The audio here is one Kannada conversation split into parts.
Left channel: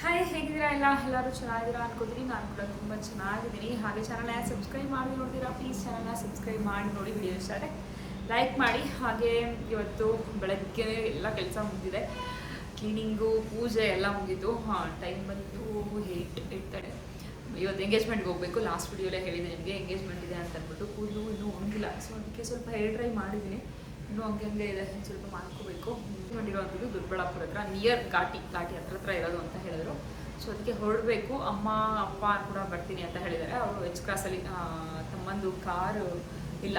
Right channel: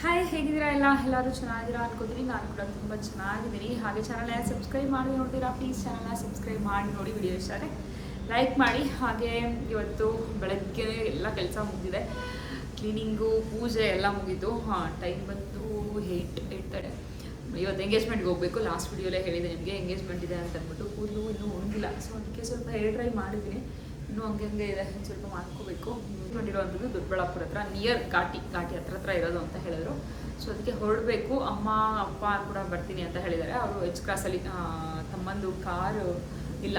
ಹಾಯ್ ಹೇಗಿದ್ದೀರಾ ಎಲ್ಲ? ಎಲ್ಲರೂ ಚೆನ್ನಾಗಿದ್ದೀರಾ ಅನ್ಕೋತೀನಿ. ನಾನು ಕೂಡ ತುಂಬ ಚೆನ್ನಾಗಿದ್ದೀನಿ. ಹಾಗೆ ಚಾನಲ್ನ ಸಬ್ಸ್ಕ್ರೈಬ್ ಮಾಡಿ ನೋಡ್ತೀರಾ ಪ್ಲೀಸ್ ಚಾನಲ್ನ ಸಬ್ಸ್ಕ್ರೈಬ್ ಮಾಡಿ ನೋಡಿ ವಿಡಿಯೋ ಇಷ್ಟ ಆದರೆ ಲೈಕ್ ಮಾಡಿ. ಹಾಗೆ ಇವತ್ತು ಬೆಳಗ್ಗೆ ಎಲ್ಲ ಕೆಲಸ ಮುಗಿದಿದೆ. ಕ್ಲೀನಿಂಗು ಪೂಜೆ ಎಲ್ಲ ಮುಗಿತು ಹಾಂ ಟೈಮ್ ಬಂದು ಏಯ್ಟ್ ಏಯ್ಟ್ ತಡೆ ಇವತ್ತು ಎಂಗೇಜ್ಮೆಂಟ್ಗೆ ಹೋಗಬೇಕು. ಲಾಸ್ಟ್ ವಿಡಿಯೋಲೇ ಹೇಳಿದೆ ನಿಮಗೆ ಎಂಗೇಜ್ಮೆಂಟ್ ಇದೆ ಅಂತ ಅಂದ್ಬಿಟ್ಟು ಕೂದಲು ಇನ್ನೂ ಒಣಗಿಲ್ಲ. ಸೊ ಅದಕ್ಕೆ ಸ್ವಲ್ಪ ಹೇರ್ ಡ್ರೈ ಮಾಡಿದ್ದೀನಿ. ಇನ್ನೂ ಹಂಗೆ ಇದೆ ಸ್ವಲ್ಪ ಮಾಡ್ಕೋಬೇಕು. ಮಾಡಿರುವಂಥದ್ದು ದೊಡ್ಡಬಳ್ಳಾಪುರ ಹತ್ರ ನಿಯರ್ ಘಾಟಿ ಘಾಟಿ ಹತ್ರ ಹತ್ರ ಇರೋದು ಅಂತ ಹೇಳಿದ್ರು. ಸೊ ಅದಕ್ಕೆ ಹೊರಡಬೇಕು. ಅಮ್ಮ, ಅಪ್ಪ ಕೂಡ ಬರ್ತೀನಿ ಅಂತ ಹೇಳಿದ್ದಾರೆ. ಅವರು ಎಚ್ ಕ್ರಾಸಲ್ಲಿ ತಮ್ಮಂದು ಕಾರು ಇಲ್ಲ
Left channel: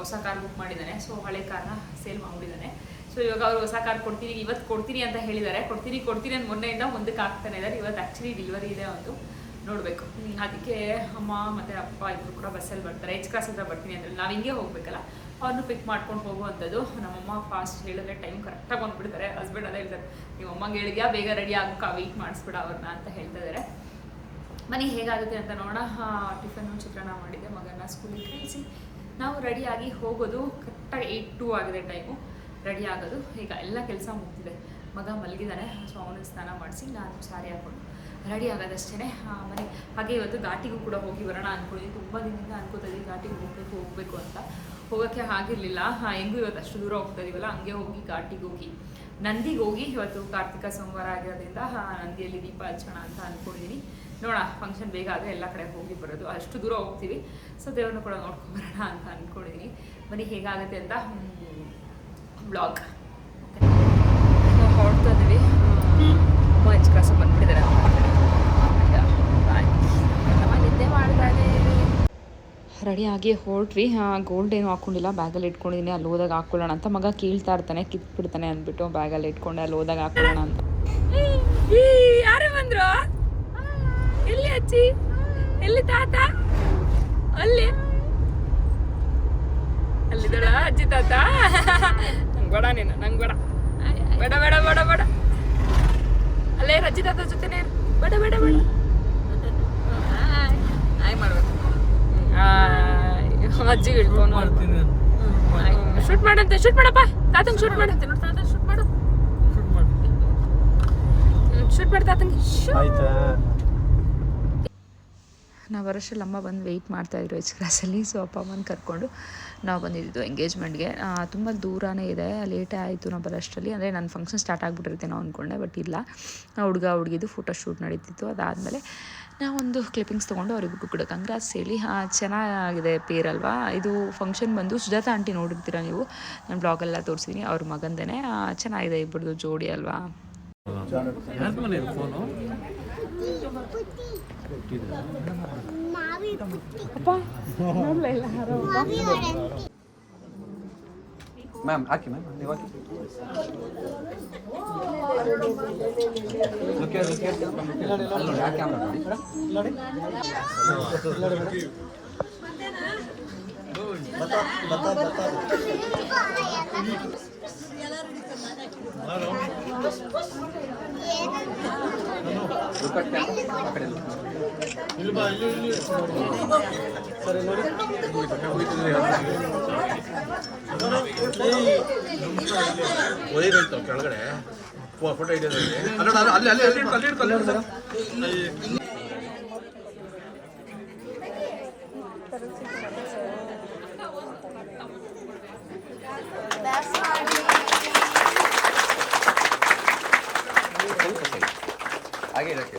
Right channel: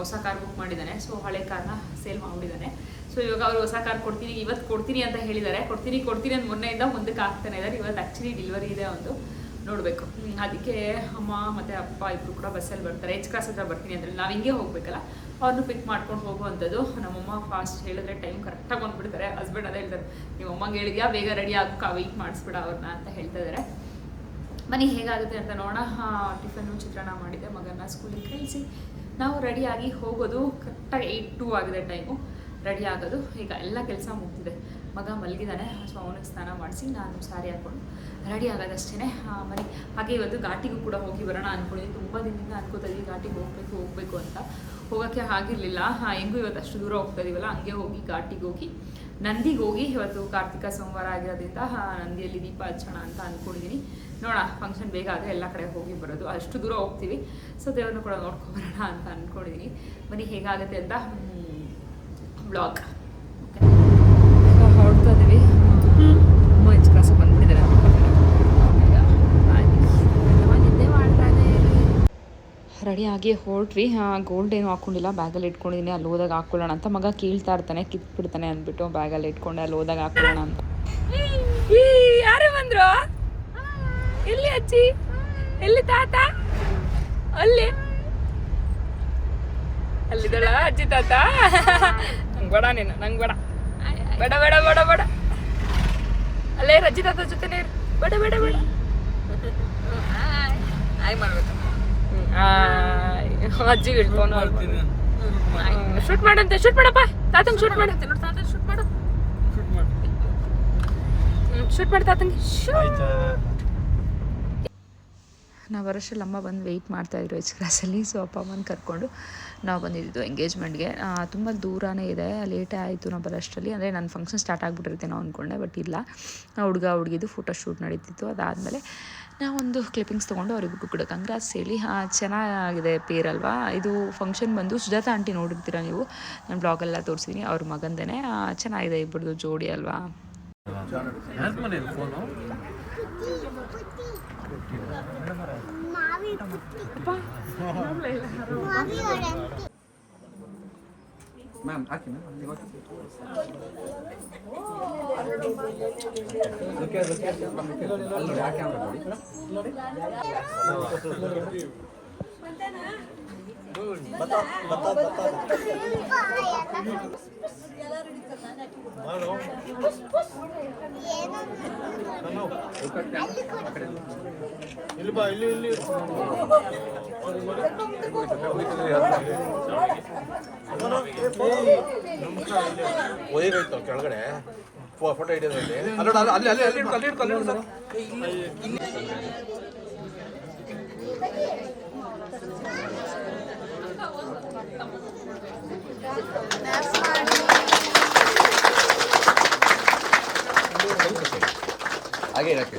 ಹೊಸ ಕಾರ್ ಬುಕ್ ಮಾಡಿದ್ದಾನೆ. ಸೊ ಹಳೆ ಕಾರ್ನ ಸೇಲ್ ಮಾಡಿಬಿಟ್ಟಿದ್ದಾನೆ ಸೊ ಇವಾಗ ಅವರು ಹೊಸ ಕಾರ್ ಕೊಡ್ತೀನಿ, ಇವತ್ತು ಕೊಡ್ತೀನಿ ಅಂತ ಹೇಳಿದ್ದಾರೆ. ಕೊಡ್ತೀನಿ ಕೊಡ್ತೀನಿ ಅಂತ ಮೊನ್ನೆಯಿಂದ ಮುಂದಕ್ಕೆ ಆಗ್ತಾನೆ ಇದ್ದಾರೆ ಇವತ್ತು ಆ್ಯಕ್ಚುಲಿ ಡೆಲಿವರಿ ಇದೆ ಒಂದು. ನೋಡಬೇಕು. ಅದಕ್ಕೆ ಅಮ್ಮ ಮತ್ತು ಅಪ್ಪ ಇಬ್ಬರು ಕೂಡ ಬಸ್ಸಲ್ಲಿ ಬರ್ತಾರೆ. ಎಚ್ ಕ್ಲಾಸ್ ಹತ್ರ ಬರ್ತೀನಿ ಅಂದರೆ ನಾವು ಹಿಂಗೆ ಹೋಗಬೇಕಲ್ಲ? ಅವ್ರನ್ನೂ ಪಿಕ್ ಮಾಡ್ಕೊಂಡು ಹೋಗುವಂಥದ್ದು ನಮ್ಮಮ್ಮ ಫಾಸ್ಟ್ ಹೇಳಿದ್ರೆ ಟೈಮ್ ಕರೆಕ್ಟಾಗಿ ಬಂದುಬಿಡ್ತಾರೆ. ಹಸ್ಬೆಂಡ್ ಅದೇ ಹೇಳ್ತಾರೆ ನಿಮ್ಮ ಅಮ್ಮಂಗೆ ಹೇಳಿದ್ಯಾ? ಬೇಗ ರೆಡಿ ಆಗಕ್ಕೆ ವೆಯ್ಟ್ ಮಾಡಿಸ್ಬಿಡ ಅವ್ರನ್ನ ಅಂತ ಹೇಳ್ತಾ ಇದ್ದಾರೆ ಮನೆ ಹೇಗಾಗುತ್ತೆ ಅಂತ ನೋಡೋಣ. ಟಿಫನ್ನು ಚಿತ್ರಾನ್ನ ಮಾಡಿದೆ ಮಗನ ಸ್ಕೂಲಿಗೆ ಕಳಿಸಿ. ನಾವು ರೆಡಿಯಾಗಿ ಹೋಗೋದು ಕರೆಕ್ಟಾಗಿ ಏಯ್ಟ್ ಟೂ ಆಗಿದೆ ಟೈಮು ರೆಡಿ ಆಗೋದು. ಈಗ ಎಲ್ಲ ಕೆಲಸ ಮುಗ್ತಿದೆ ಮಗ ಮಲಗಿದ್ದಾನೆ ಸೊ ಅವನಿಗೆ ಸ್ನಾನ ಮಾಡಿಸಿ ನಾನು ಸಾರಿ ಹಾಕ್ಕೊಂಡು ರೆಡಿ ಆಗೋದಷ್ಟೇ ಮನೆ, ಹಾಗೆ ಇವತ್ತು ಘಾಟಿಗೂ ಕೂಡ ಹೋಗಿ ಬರೋಣ ಅಂದ್ಕೊಂಡಿದ್ದೀನಿ ತುಂಬ ದಿನದಿಂದ ಅನ್ಕೋತಾ ಇದ್ದೀವಿ ಘಾಟಿಗೆ ಹೋಗಬೇಕು ಹೋಗಬೇಕು ಅಂತ. ಹೋಗೋಕ್ಕೆ ಆಗಿರಲಿಲ್ಲ. ಹೆಂಗೂ ಇವತ್ತು ಅಷ್ಟು ದೂರ ಹೋಗ್ತಾ ಇದೀವಲ್ಲ, ಹಂಗೆ ಹೋಗಿ, ಘಾಟಿಗೆ ಹೋಗಿ. ನಂದಿಗೆ ಹೋಗಿ ಇವತ್ತು ಕಾರ್ತಿಕ ಸೋಮವಾರ ಆಗಿರೋದ್ರಿಂದ ನಂದಿಯಲ್ಲಿ ದೀಪ ಹಚ್ಚೋಣ ಅಂತ ಅಂದ್ಕೊಂಡಿದ್ದೀನಿ ನೋಡೋಣ ಫಂಕ್ಷನ್ ಬೇಗ ಆದರೆ ಎಲ್ಲ ಕಡೆ ಹೋಗಿ ಬರೋದು. ಅಷ್ಟು ದೂರ ಹೋಗ್ತೀವಿ. ಸೊ, ದೇವ್ರನ್ನ ಕೂಡ ನೋಡ್ಕೊಬರೋಣ ಅಂತ ಅಂದ್ಕೊಂಡಿದ್ದೀನಿ ಬನ್ನಿ, ಹೇಗಾಗುತ್ತೆ ಅಂತ ಬ್ಲಾಗ್ ಓಕೆ ನಾವು ಹೊರಡ್ತಾ ಇದ್ದೀವಿ ಅಮ್ಮ ಹೆಚ್ಚು ಕಾಸು ಬಂದ್ಬಿಟ್ಟಿದ್ದಾರೆ ನಿದ್ದೆ ಮಾಡ್ತಾ ರೆಡಿಯಾಗಿ ಹೊರಟ್ವಿ. ಗೋಲ್ಡ್ ಏನು ಹಾಕ್ಕೊಂಡಿಲ್ಲ ಬ್ಯಾಗಲ್ಲಿ ಇಟ್ಕೊಂಡಿದ್ದೀನಿ ಅಲ್ಲಿ ಹೋದಾಗ ಹಾಕ್ಕೊಳ್ಳೋಣ ಅಂತ ಮಗ ಕೀಳ್ತಾ ಇರ್ತಾನೆ ಕಿತ್ಬಿಡ್ತಾನೆ ಅಂದ್ಬಿಟ್ಟು ಬ್ಯಾಗಲ್ಲಿ ಇಟ್ಕೊಂಡು ಅಲ್ಲಿ ಹೋದಾಗ ಹಾಕ್ಕೊಳ್ಳೋಣ ಅಂತ. ಯಾರು ಬಂದ್ರು? ಎಲ್ಲಿ ಅಜ್ಜಿ? ಎಲ್ಲಿ ತಾತ? ಅಲ್ಲಿ? ಅಲ್ಲಿದಳ ಅಜ್ಜಿ ತಾತ? ನಂಗೆ ಬೇಡ ನೀನು ನಂಗೆ ಬೇಡ. ಬೇಡ ಬೇಡ ಬೇಡ ಬೇಡ. ಅಲ್ಲೇ ರಜ್ಜಿ ಅಜ್ಜಿ ತಾತ ಜೊತೆನೇ ಬಡ ಬೇಡ ಬೇಡ. ಬೇಡ ಹಾಯ್ ಮಾಡ್ಬೇಕು. ಶೂಟ್ ಮಾಡಂತೆ ಶೂಟ್ ಮಾಡಪ್ಪ. ತಾತನ್ ಶೂಟ್ ಮಾಡಂತೆ ನೋಡಿ ತಾತ ಶೂಟ್ ಮಾಡು. ಶೂಟ್ ಮಾಡಿ. ತಾತನ್ ನಾವು ಬರೋಷ್ಟರಲ್ಲಿ ಅಮ್ಮ ಬಂದು ವೆಯ್ಟ್ ಮಾಡ್ತಾಯಿದ್ರು ಎಚ್ ಕ್ಲಾಸಲ್ಲಿ ಸೊ ಅಪ್ಪ ಅಮ್ಮನ ಕರ್ಕೊಂಡು ನಾವು ಬಂದಿದ್ದು ಎಂಗೇಜ್ಮೆಂಟ್ಗೆ ತುಂಬ ದೂರನೇ ಇದೆ. ಲೇಟೇ ಆಯಿತು ನಾವು ಬರೋಷ್ಟರಲ್ಲಿ ಅಂದರೆ ನನ್ನ ಫಂಕ್ಷನ್ ಸ್ಟಾರ್ಟ್ ಆಗಿಬಿಟ್ಟಿರ್ತೇನೋ ಅಂದ್ಕೊಂಡೆ ಬಟ್ ಇಲ್ಲ. ಹುಡುಗ ಹುಡುಗಿದು ಫೋಟೋ ಶೂಟ್ ನಡೀತಿತ್ತು. ಅದಾದಮೇಲೆ ನಾವೊಂದು ಕ್ಲಿಪ್ಪಿಂಗ್ಸ್ ತೊಗೊಂಡು ಅವ್ರಿಗೆ ಕೂಡ ಕಂಗ್ರಾಸ್ ಹೇಳಿ ಚೆನ್ನಾಗಿದೆ ಪೇರ್ ಅಲ್ವಾ? ಇದು ಫಂಕ್ಷನ್ ಬಂದು ಸುಜಾತ ಆಂಟಿ ನೋಡಿರ್ತೀರ ನೀವು? ನಾನು ಬ್ಲಾಗೆಲ್ಲ ತೋರಿಸಿದ್ದೀನಿ ಅವ್ರ ಮಗಂದೇ ಚೆನ್ನಾಗಿದೆ ಇಬ್ಬರದು ಜೋಡಿ ಅಲ್ವಾ? ಮ್ಯಾಮ್ ಹಾಕಿ ಮ್ಯಾಮ್ ನೀವು ಹಾಕಿ ಲುಕ್ಕೆ ಲುಕ್ಕೆ ಅಲ್ಲಿ ನೋಡಿ ಆ ಕ್ಯಾಮ್ರಾ ನೋಡಿ ಒದಿಬೇಕು ಕೆಳಗಡೆ ಫೋಟೋ ಹಿಡಿಯೋದ್ರಲ್ಲಿ ಅಲ್ಲಿ ಅಲ್ಲಿ ಅಲ್ಲಿ ಅಲ್ಲಿ ಅಲ್ಲಿ ಅಲ್ಲಿ ಇಟ್ಕೊ. ಹಾಗೆ ಇರಕ್ಕೆ.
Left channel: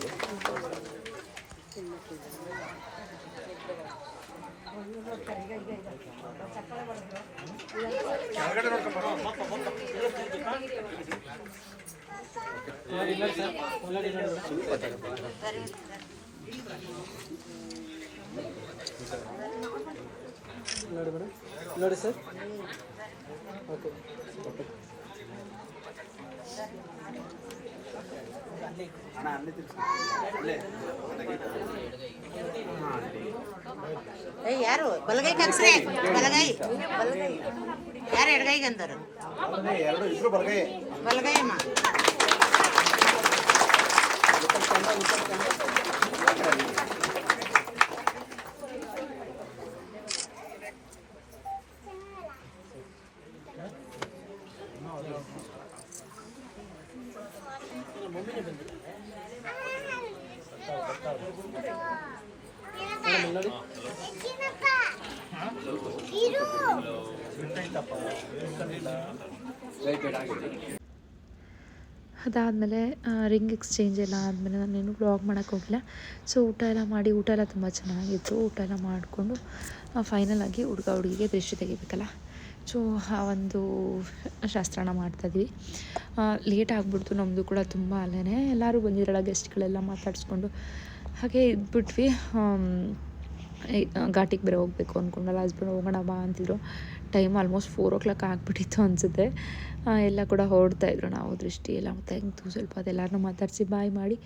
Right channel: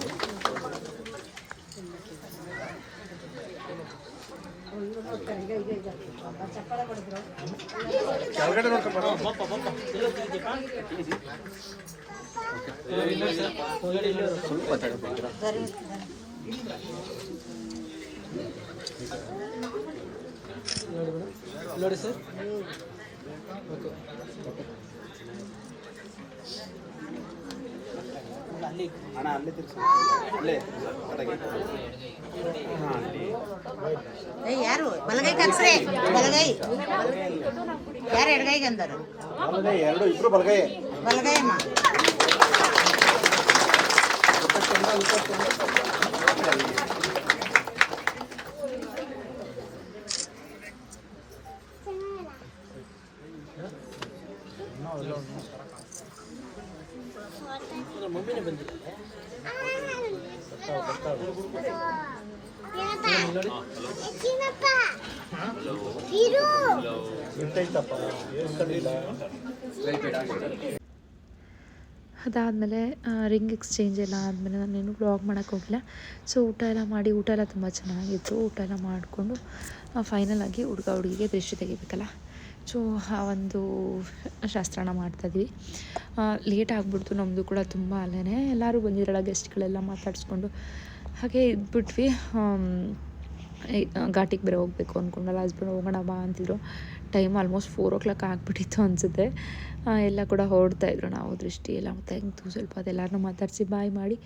ನೋಡಿ ಸರ್ ಏಯ್ ಯಾರು? ಬಲಗೈ ಕನ್ಸ್ರೆ ಬಲಗೈ. ಬಲಗೈ ಯಾರು ಎಡಗೈಗೆ ಅಂದರು ಎರಡು ಇಬ್ರು ಬಲಗೈ ಬಲಗೈ ಅಮ್ಮ. ಅದಾದಮೇಲೆ ರಿಂಗ್ ಎಕ್ಸ್ಚೇಂಜ್ ಎಲ್ಲ ಆದಮೇಲೆ ನಾನೇನು ಬ್ಲಾಗ್ ಮಾಡೋಕ್ಕೆ ಹೋಗಿಲ್ಲ. ಸೊ ಊಟ ಎಲ್ಲ ಮಾಡಿ, ಊಟ ಎಲ್ಲ ತುಂಬ ಚೆನ್ನಾಗಿತ್ತು. ಊಟ ಎಲ್ಲ ಮಾಡಿಕೊಂಡು ಫೈನಲ್ ಆಗಿ ಹುಡುಗ, ಹುಡುಗಿಗೆ ದೃಷ್ಟಿ ತೆಗಿಬೇಕಲ್ಲ. ಸೊ ಆ ಒಂದು ಶಾಸ್ತ್ರನ ಮಾಡ್ತಾಯಿದ್ವಿ ಲೇಟ್ ಆಗಿಬಿಡ್ತು ನಮ್ಮದು ಕೂಡ ತುಂಬ ಅಲ್ಲೇ ಎಲ್ಲರೂ ಬಂದಿರಲ್ಲ ಗೆಸ್ಟ್ಗಳೆಲ್ಲ ಮಾತಾಡಿಸ್ಕೊಂಡು. ಹಾಗೆ ಇದ್ಬಿಟ್ವಿ ಘಾಟಿಗೆ ಬೇರೆ ಹೋಗಬೇಕು ಅಂದ್ಕೊಂಡಲ್ಲ ಹಸ್ಬೆಂಡ್, ಹೋಗೋಣ ಬಾ ಅಂತಿದ್ರು. Time almost four o'clock ಆಗಿಬಿಟ್ಟಿತ್ತು ಅನಿಸುತ್ತೆ. ಎಲ್ಲ ಕೂಡ ಹೊರಡ್ತಾ ಇದ್ರು ನಾವು ದೃಷ್ಟಿ ಎಲ್ಲ ತೆಗೆದು ಸ್ವಲ್ಪ ಅದೆಲ್ಲರನ್ನೂ ಮಾತಾಡಿಸಿ ಬಾಯ್ ಮಾಡಿ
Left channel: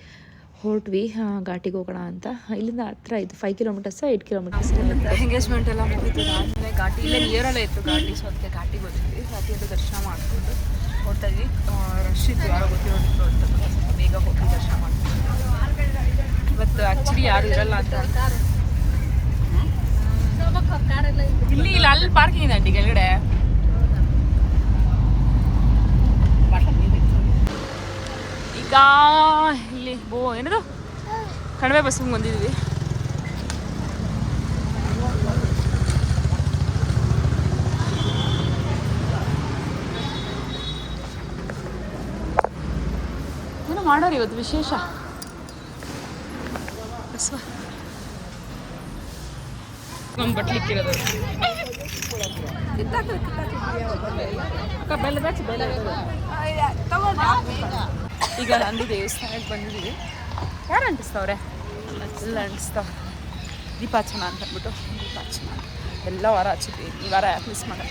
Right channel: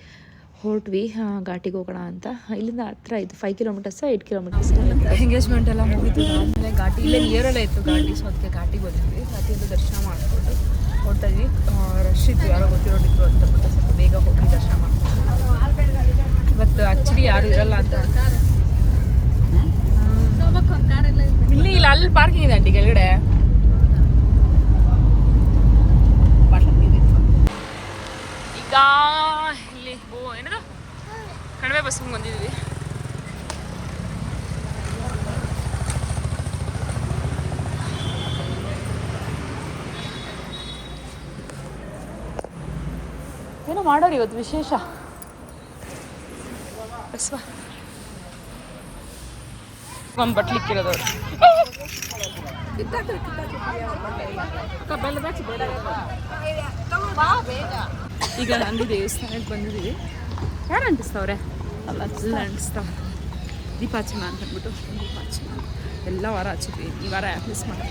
ಹೊರಟ್ವಿ. ಘಾಟಿಗೆ ಹೋಗೋಣ ಅಂತ. ಇಲ್ಲಿಂದ ಹತ್ರ ಇತ್ತು five kilometres eight kilometres engagement ಎಲ್ಲ ಮುಗಿತು. ಆಮೇಲೆ ಘಾಟಿ ಇಲ್ಲೇ ನಿಯರಲ್ಲೇ ಇತ್ತು ಘಾಟಿ. ಸೊ ಅದಕ್ಕೆ ಘಾಟಿಗೆ ಹೋಗಿದ್ವಿ ಘಾಟಿಯಲ್ಲೂ ದರ್ಶನ ಮಾಡಿಕೊಂಡು ಹೋಗ್ತಾ ರಶ್ ಇತ್ತು. ಯಾರೋ ಗೊತ್ತಿರೋದಿತ್ತು ಅಂತ ಸ್ವಲ್ಪ ಬೇಗ ಹೋಗಿ ದರ್ಶನ ಮಾಡ್ಕೊಂಡು. ಇವತ್ತು ಆ್ಯಕ್ಚುಲಿ ಯಾರು ಇರಲ್ಲ ಅಂತ ಇಲ್ಲಿ ಇಲ್ಲ, ಅಲ್ಲಿ ಪಾರ್ಕಿಂಗ್ ಇದೆ ಆಂಟಿ ಕೆಳಗಡೆ. ಈಗ ಇಲ್ಲಿ, ಬೋ, ಏನದು? ಕಣವೆ ಬಸ್ಸಿಗೆ ಬಂದಿದ್ದೀವಿ ಏನೋ ಮಾಡೋರು ಇವತ್ತು ವಿಶೇಷ. ಬಸ್ವಾ ಒಂದು ಬಟ್ಲಿಕ್ಕಿರೋದು. ಬೇರೆ ಈಗ ನಂದಿ ದೇವಸ್ಥಾನಕ್ಕೆ ಬಂದಿದ್ದೀವಿ ಯಾರು ಅಂಟಿಸ್ತವ್ರೆ ಎಲ್ಲ ಅಂಟಿಸ್ತಾವ ದೀಪಾಚನ ಅಂತ ಅಂದ್ಬಿಟ್ಟು. ದೀಪಾಚನ ಎಲ್ಲ ವಾರ ಹಚ್ಚಿದ್ವಿ. ಈ ವಾರ ಯಾಕೆ ಮಿಸ್ ಮಾಡಿ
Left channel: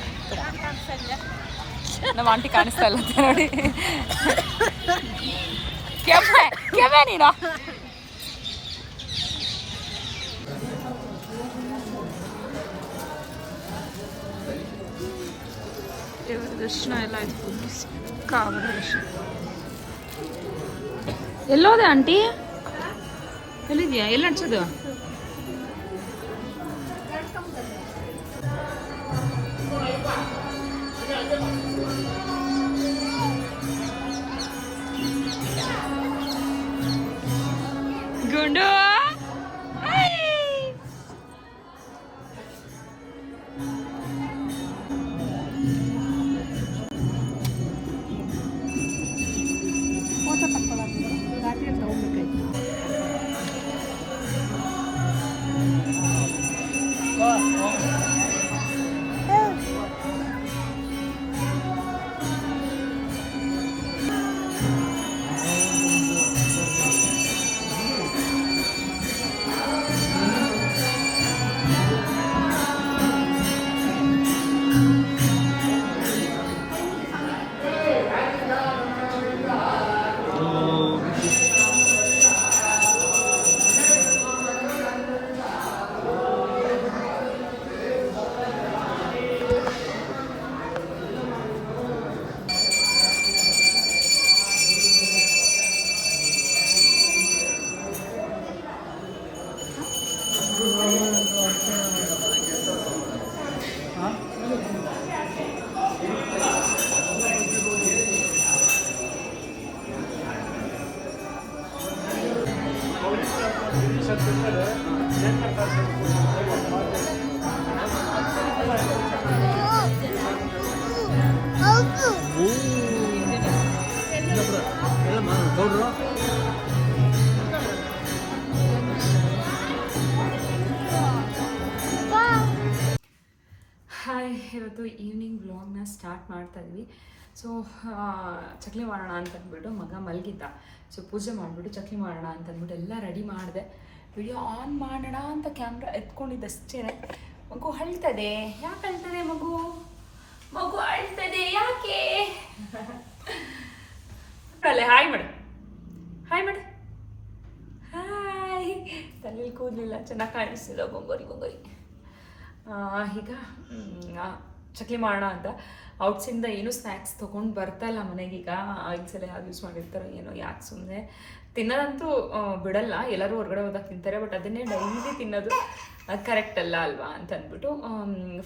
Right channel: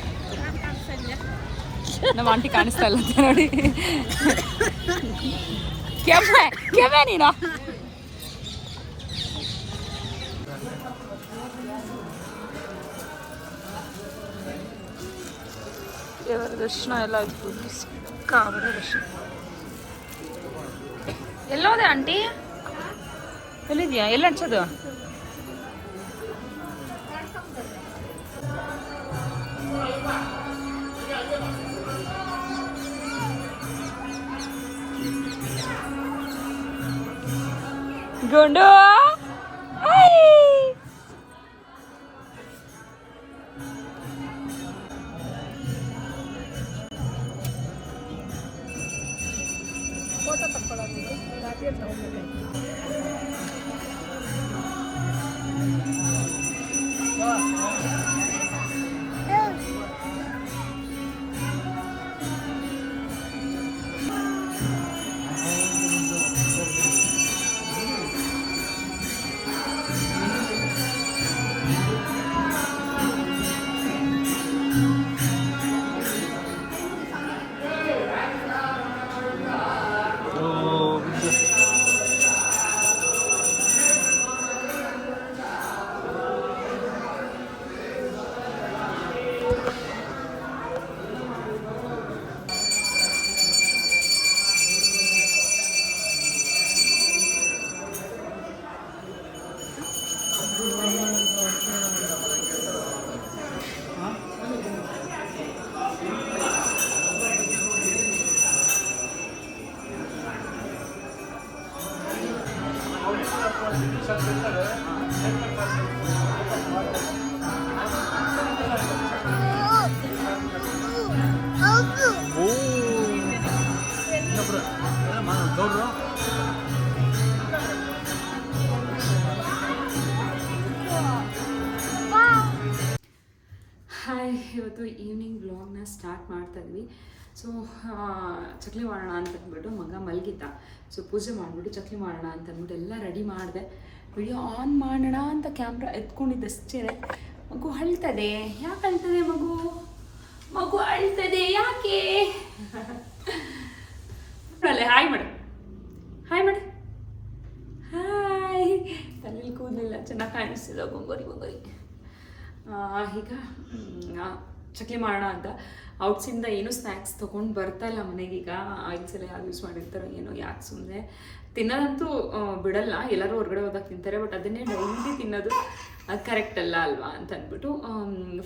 ನಮ್ಮ ಆಂಟಿ ಕಾಣಿಸ್ತಾ ಇಲ್ಲ ನೋಡಿ. ಕೆಮ್ಮ ಕೆಮ್ಮ ನೀನು? ದರ್ಶನ ಎಲ್ಲ ಆಯ್ತು. ಸಿಕ್ಕಾಬಡ ದರ್ಶನ. ಎಲ್ಲೋದೆ ಆಂಟಿ? ಎಲ್ಲಿದ್ಯಾ? ಎಲ್ಲ ಅನ್ಸೋದು? ಗುಂಡು! ಇವತ್ತು ಈವ್ನಿಂಗ್ ವ್ಲಾಗ್ನ ಸ್ಟಾರ್ಟ್ ಮಾಡ್ತಾ ಇದ್ವಿ. ಸೊ ಚಕ್ಲಿ ಮಾಡೋಣ ಅಂತ ಅಂದ್ಬಿಟ್ಟು ಮಗ ಮಲಗಿದ್ದ. ಸೊ ಪೂಜೆ ಮಾಡಿಬಿಟ್ಟು ಚಕ್ಲಿ ಮಾಡೋಣ ಅಂತ ಅಂದ್ಬಿಟ್ಟು ಎಲ್ಲ ರೆಡಿ ಮಾಡಿದೆ. ವಿಡಿಯೋ ಆನ್ ಮಾಡೋಣ ಅಂತ ಕ್ಯಾಮ್ರಾ ಎತ್ಕೊಂಡಿದ್ದಷ್ಟೇ ಮಗು ಅಳ್ತದೆ. ಯಾಕೆ ಅಳ್ತದೆ ಮಗು? ಮಗು ಅಳ್ತದೆ ಯಾಕೆ? ಅಲ್ಲೇ ಹಾಯ್ ಮಾಡು. ಹಾಯ್ ಮಾಡು. ಹಾಯ್ ತಲೆಯಲ್ಲಿ ಕೂದಲಿಲ್ಲ ಚೆನ್ನಾಗಿ ಕಾಣಿಸ್ತಿಲ್ಲ ಬೊಂಗೋರಿ ಬೊಂಗೋರಿ. ಈಗ ಚಕ್ಲಿ ಮಾಡೋಣ ಅಂತ. ಔಟ್ಸಿಂದ ಏನೂ ಸ್ನ್ಯಾಕ್ಸ್ ತೊಗೊಂಡು ಬರ್ತಾ ಇಲ್ಲ ಮನೆಗೀಗ ಆಯ್ತು ಸಲ ಯಾರು ಯೂಸ್ ಮಾಡಿರ್ತಾರೋ ಏನೋ, ಯಾಕೆ ಸುಮ್ಮನೆ ತಿನ್ನೋದಂತೂ ಬಿಡಲ್ಲ. ಎಲ್ಲರೂ ಹೊರಗಡೆ ಹೋದಾಗ ತಿಂತಾರೆ ಬಟ್ ಅದನ್ನೇ ಡೈಲಿ ತಿನ್ನೋದು ಕರೆಕ್ಟ್ ಅಲ್ಲ ಅಲ್ವಾ ಅಂತ ಅಂದ್ಬಿಟ್ಟು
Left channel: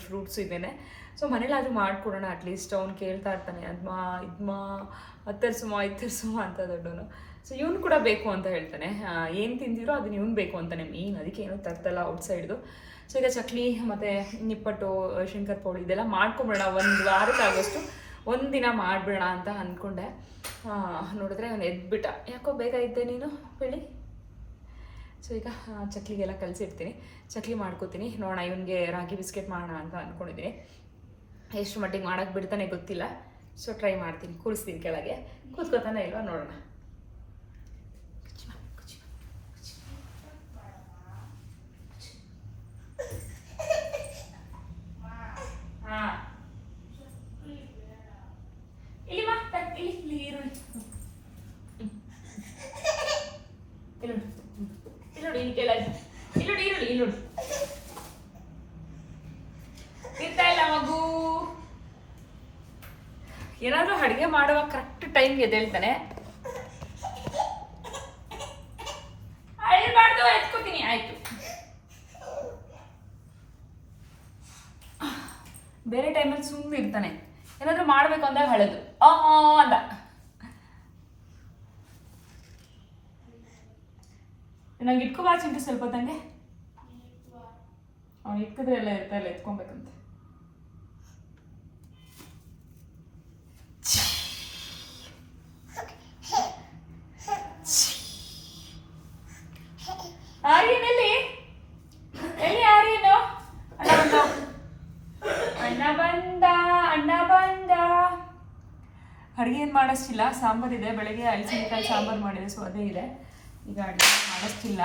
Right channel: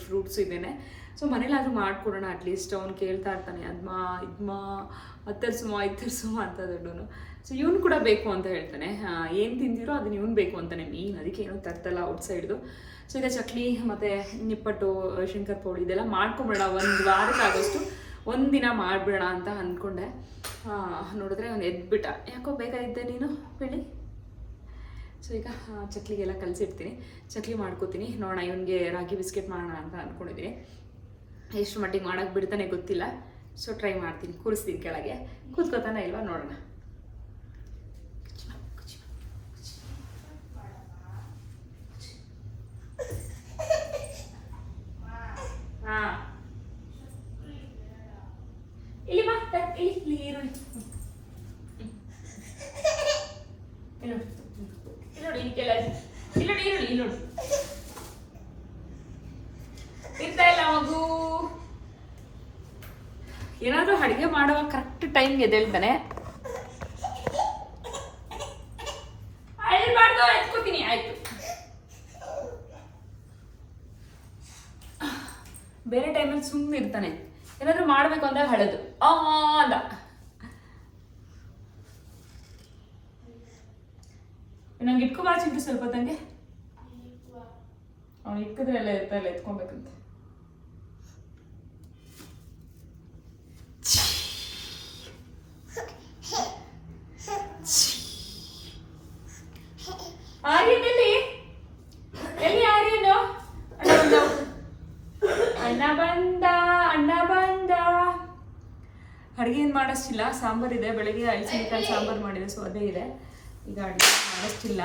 ಫ್ರೂಟ್ಸ್ ಇದೇನೆ. ಸೊ ಮನೇಲಾದರೂ ಮಾಡ್ಕೊಡೋಣ ಅಟ್ಲೀಸ್ಟ್ ಅವ್ನು ಕೇಳ್ತಾ ಇರ್ತಾನೆ, ಅದ್ಮಾ, ಇದ್ಮಾ ಹತ್ತರ್ಸುಮ ಇತ್ತರ್ಸುಮ ಅಂತ ದೊಡ್ಡವನು. ಸೊ ಇವನು ಕೂಡ ಬೇಕು ಅಂತ ಹೇಳ್ತಾನೆ. ಏನು ತಿಂದಿರೋ ಅದನ್ನ ಇವನು ಬೇಕು ಅಂತಾನೆ. ಮೇನ್ ಅದಕ್ಕೆ ಏನೂ ತರ್ತಲ್ಲ ಔಟ್ಸೈಡ್ದು. ಸೊ ಈಗ ಚಕ್ಲಿ ಮತ್ತು ನಿಪ್ಪಟ್ಟು ಶಂಕರ್ ಪೌಡಿ ಇದೆಲ್ಲ ಮಾಡ್ಕೊಂಬಿಡೋಣ. ಒಂದು ವಾರಕ್ಕಾಗಷ್ಟು ಒಂದಿನ ಮಾಡಿಬಿಡೋಣ ಅಂತ ಅಂದ್ಕೊಂಡೆ ನೋಡಿದ್ರೆ ಅವನು ಎದ್ಬಿಟ್ಟ. ಯಾಕೋ ಬೇಗ ಇದ್ದೆ ನೀನು, ಬೆಳಿ? ಸೊ ಈಗ ಚಕ್ಲಿಗೆಲ್ಲ ಕಲಸಿಡ್ತೀನಿ. ಚಕ್ಲಿ ಮಾಡ್ಕೋತೀನಿ. ನೋಡೋಣ ಇವನಿಗೆ ರಾಗಿ ಬಿಸ್ಕೆಟ್ ಮಾಡೋಣ ಅಂತ ಅಂದ್ಕೊಂಡಿದ್ದೀನಿ ಎಷ್ಟು ಮಟ್ಟಿಗೆ ಮಾಡೋಕ್ಕೆ ಬಿಡ್ತಾನೆ ಗೊತ್ತಿಲ್ಲ. ಸೊ ಟ್ರೈ ಮಾಡ್ತೀನಿ. ಕೂರಿಸ್ತೀನಿ ಕೆಳಗೆ. ಕೂತ್ಕೋತಾನೆ ಇಲ್ವಾ? ನೋಡೋಣ ಹಾ ಇಲ್ಲಿ ಬಾ ತ- ಇಲ್ಲಿ ಇಲ್ಲಿ ಈರುಳ್ಳಿ ಇಲ್ಲಿ ನೋಡು. ಇಲ್ಲಿ ನೋಡಿ ಇಲ್ಲಿ ಕೆಳಗೆ ಇಲ್ಲಿ ನೋಡಿ ಈರುಳ್ಳಿ ಇಲ್ಲಿ ನೋಡಿ ತಿಂತಾ ಇಲ್ಲ ಮಗು ಏನಾದ್ರೂ ಅಡುಗೆ ಮಾಡುವಾಗ ಟೈಮ್ಗೆ ಎದ್ದೇಳ್ತಾನೆ ಆಯ್ತು. ಬೇರೆ ಟೈಮಲ್ಲಿ ಸುಮ್ಮನೆ ಇರ್ತಾನೆ. ಏನಾದ್ರೂ ಮಾಡಬೇಕು ಅಂದಾಗ ಹಳದು. ಆ ಅಂದ. ನಂಗೆ ಇಕ್ಕು ಚಿಂಟು ಸ್ವಲ್ಪ ತಂಗೆ ಅವ್ನು ಎಲ್ಲ ಇರ್ತಾ ಇಲ್ಲ, ಎತ್ಕೊಬೇಕಂತೆ ಆರ್ಯನ್ ಎಲ್ಲಿ ಎಲ್ಲಿ ಆರ್ಯನು ಅಣ್ಣ ಬಂದ ಅಣ್ಣ ಬಂದ ಅಣ್ಣ ಬಂದ ಅಡುಗೆ ಏನು ಮಾಡಿಸ್ತಿಲ್ಲ. ಸಾಂಬಾರಿದೆ ಬೆಳಗ್ಗೆ ಐಸಿನಿಕಾಯಿ ಸಾಂಬಾರು ಮಾಡಿದೆ. ಸೊ ಅದೇ ಇದೆ. ಈಗ ಅಡುಗೆ ಮಾಡಿಸ್ತಿಲ್ಲ.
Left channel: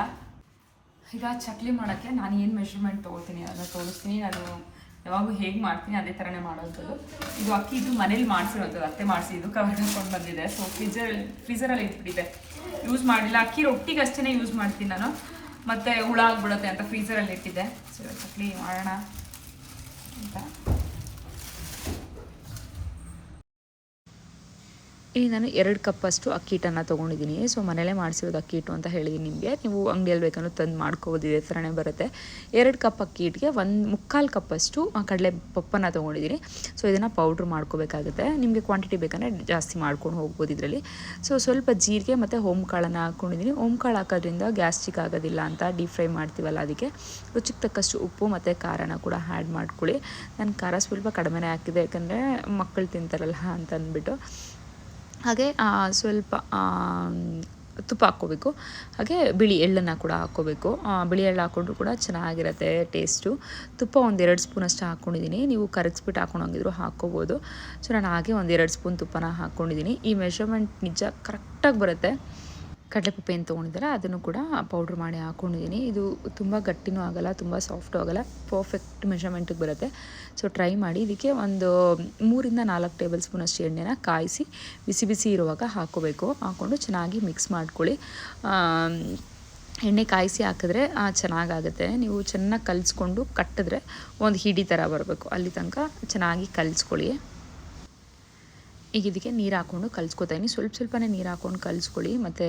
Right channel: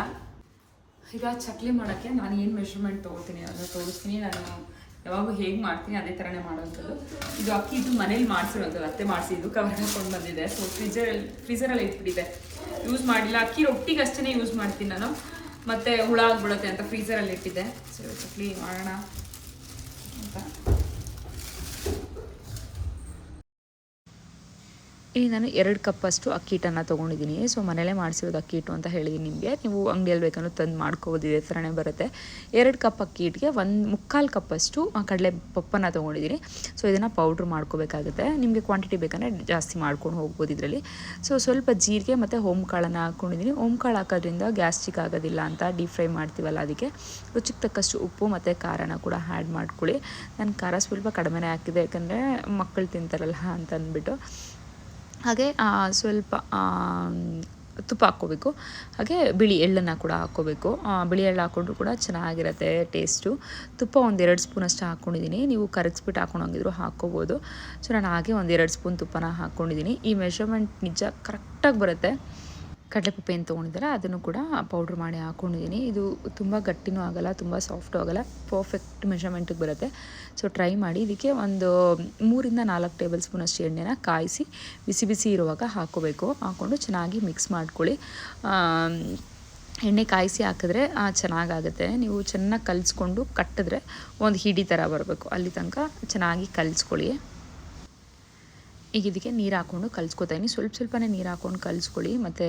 ಈಗ ಚಕ್ಲಿ ಮಾಡೋಕ್ಕೆ ನಾನು ಏನು ಮೆಷರ್ಮೆಂಟ್ ತೊಗೊಳ್ತೀನಿ ಅದನ್ನು ತೋರಿಸ್ತೀನಿ. ನಾನು ಯಾವಾಗೂ ಹೇಗೆ ಮಾಡ್ತೀನಿ? ಅದೇ ಥರನೇ ಮಾಡೋವಂಥದ್ದು ಇದು ಅಕ್ಕಿ, ಇದು ಮನೇಲಿ ಮಾಡಿಸಿರೋದು ಅತ್ತೆ ಮಾಡಿಸಿ, ಇದು ಕವರ್ ಹಾಕೊಂಡು ಬಂದಿದೆ. ಸೊ ಫ್ರಿಜರಲ್ಲಿ ಫ್ರೀಸರಲ್ಲಿ ಇಟ್ಬಿಟ್ಟಿದೆ. ಯೂಸ್ ಮಾಡಿಲ್ಲ. ಅಕ್ಕಿ ರೊಟ್ಟಿಗೆ ಅಷ್ಟೇ ಯೂಸ್ ಮಾಡ್ತೀನಿ ನಾನು. ಮತ್ತು ಹುಳ ಆಗ್ಬಿಡುತ್ತೆ ಅಂತ ಫ್ರೀಸರಲ್ಲಿ ಇಟ್ಟಿದ್ದೆ. ಸೊ ಚಕ್ಲಿ ಮಾಡೋಣ ಅಂತ. ಇಲ್ಲಿ ನಾನು ಎರಡು ಕಪ್ಪಷ್ಟು ಅಕ್ಕಿ ಹಿಟ್ಟನ್ನು ತೊಗೊಂಡಿದ್ದೀನಿ. ಸೊ ಮನೇಲೇ ಮಾಡಿಸಿರೋದು ಅಕ್ಕಿ ಹಿಟ್ಟು ಅಂತ ಹೇಳಿದ್ದೀನಿ ನಿಮಗೆ. ನೀವು ಅಂಗಡಿಯಲ್ಲಿ ಬೇಕಂದ್ರೆ ತಂದು ಮಾಡ್ಕೋಬೋದು, ಇದೇ ಥರನೇ ಬರುತ್ತೆ. ಎರಡು ಕಪ್ ಅಕ್ಕಿ ಹಿಟ್ಟಿಗೆ ಒಂದು ಮುಕ್ಕಾಲು ಕಪ್ಪಷ್ಟು ಕಡಲೆ ಪಪ್ಪನ್ನು ತೊಗೊಂಡಿದ್ದೀನಿ. ಸೊ ಇದನ್ನು ಪೌಡ್ರ್ ಮಾಡ್ಕೋಬೇಕಾಗುತ್ತೆ. ನಿಮಗೆ ಕ್ವಾಂಟಿಟಿ ಬೇಕಂದರೆ ಜಾಸ್ತಿ ಮಾಡ್ಕೊಂಡು ಹೋಗ್ಬೋದು ಇದರಲ್ಲಿ. ಸೊ ಸ್ವಲ್ಪ ಜೀರಿಗೆ ಮತ್ತು ಓಮ್ ಕಾಳನ್ನು ಹಾಕ್ಕೊಂಡಿದ್ದೀನಿ ಓಮ್ ಕಾಳು ಹಾಕೋದ್ರಿಂದ ಗ್ಯಾಸ್ಟ್ರಿಕ್ ಆಗೋದಿಲ್ಲ ಅಂತ ಡೀಪ್ ಫ್ರೈ ಮಾಡ್ತೀವಲ್ಲ ಅದಕ್ಕೆ. ರುಚಿಗೆ ತಕ್ಕಷ್ಟು ಉಪ್ಪು ಮತ್ತು ಖಾರನ ಕೂಡ ಆ್ಯಡ್ ಮಾಡ್ಕೊಳ್ಳಿ. ನಾನು ಖಾರ ಸ್ವಲ್ಪ ಕಡಿಮೆನೇ ಹಾಕಿದೆ ಯಾಕಂದರೆ ಮಕ್ಕಳು ತಿಂತಾರಲ್ಲ ಅಂತ ಅಂದ್ಬಿಟ್ಟು. ಹಾಗೆ ಸ್ವಲ್ಪ ತುಪ್ಪ ಹಾಕ್ಕೋಬೇಕು. ಹಾಗೆ ಬಿಳಿ ಎಳ್ಳನ್ನು ಕೂಡ ಹಾಕ್ಕೋಬೇಕು. ಬಿಳಿ ಎಳ್ಳು ಹಾಕ್ಕೊಂಡ್ರು ಕೂಡ ಚೆನ್ನಾಗಿರುತ್ತೆ ಟೇಸ್ಟು. ತುಪ್ಪ ಒಂದೆರಡು ಸ್ಪೂನಷ್ಟು ಹಾಕ್ಕೊಂಡಿದ್ದೀನಿ. ನೀವು ಕರಗಿಸ್ಬಿಟ್ಟು ಹಾಕ್ಕೊಂಡೋಗಿದ್ರು ಹಾಕ್ಕೋಬೋದು. ಸೊ, ನಾನು ಹಾಗೆ ಒಂದೆರಡು ಸ್ಪೂನ್ ತುಪ್ಪನ ಹಾಕ್ಕೊಂಡಿದ್ದೀನಿ. ಈ ಮೆಷರ್ಮೆಂಟ್ ನಿಜ ಕರೆಕ್ಟಾಗಿ ಬರುತ್ತೆ. ಕಡಲೆಪಪ್ಪೆ ಏನು ತೊಗೊಂಡಿದ್ದಾರೆ, ಅದನ್ನು ಕೂಡ ಪೌಡ್ರ್ ಮಾಡಿ ಹಾಕ್ಕೊಂಡಿದ್ದೀನಿ ಇದು ತುಂಬ ಗಟ್ಟಿನೂ ಆಗಲ್ಲ, ತುಂಬ ಸಾಫ್ಟು ಆಗಲ್ಲ ಪರ್ಫೆಕ್ಟ್ ಮೆಷರ್ಮೆಂಟಿಗೆ ಬರುತ್ತೆ. ಸೊ ಟ್ರೈ ಮಾಡಿ. ಇದಕ್ಕೆ ಒಂದು ಮೂರಿಂದ ನಾಲ್ಕು ಟೇಬಲ್ ಸ್ಪೂನಷ್ಟು ಎಣ್ಣೆನ ಕಾಯಿಸಿ, ಬಿಸಿ ಬಿಸಿ ಇರುವಾಗ ಹಾಕ್ಕೋಬೇಕು ಹಾಕ್ಕೊಂಡು ಚೆನ್ನಾಗಿ ಮಿಕ್ಸ್ ಮಾಡ್ಕೊಳ್ಳಿ. ಎಣ್ಣೆ ಕಾಯಿಸಿ ಹಾಕಿದ್ರೆ ಚೆನ್ನಾಗಾಗುತ್ತೆ. ನೀವು ಚೆನ್ನಾಗಿ ಕಲಿಸ್ಕೊಂಡು ಕಟ್ಟಿದ್ರೆ, ಒಂದು ಹಿಡಿ ಥರ ಬರಬೇಕು. ಅಲ್ಲಿ ತನಕ ಚೆನ್ನಾಗಿ ಕಲಿಸ್ಕೊಳ್ಳಿ. ಈಗ ಇದಕ್ಕೆ ನೀರು ಹಾಕ್ಕೊಂಡು ಕಲ್ಸ್ಕೊತಾಯಿನಿ ಸ್ವಲ್ಪ ಸ್ವಲ್ಪನೇ ನೀರು ಹಾಕ್ಕೊಂಡು ಕಲಿಸ್ಕೊಳ್ಳಿ. ಮತ್ತು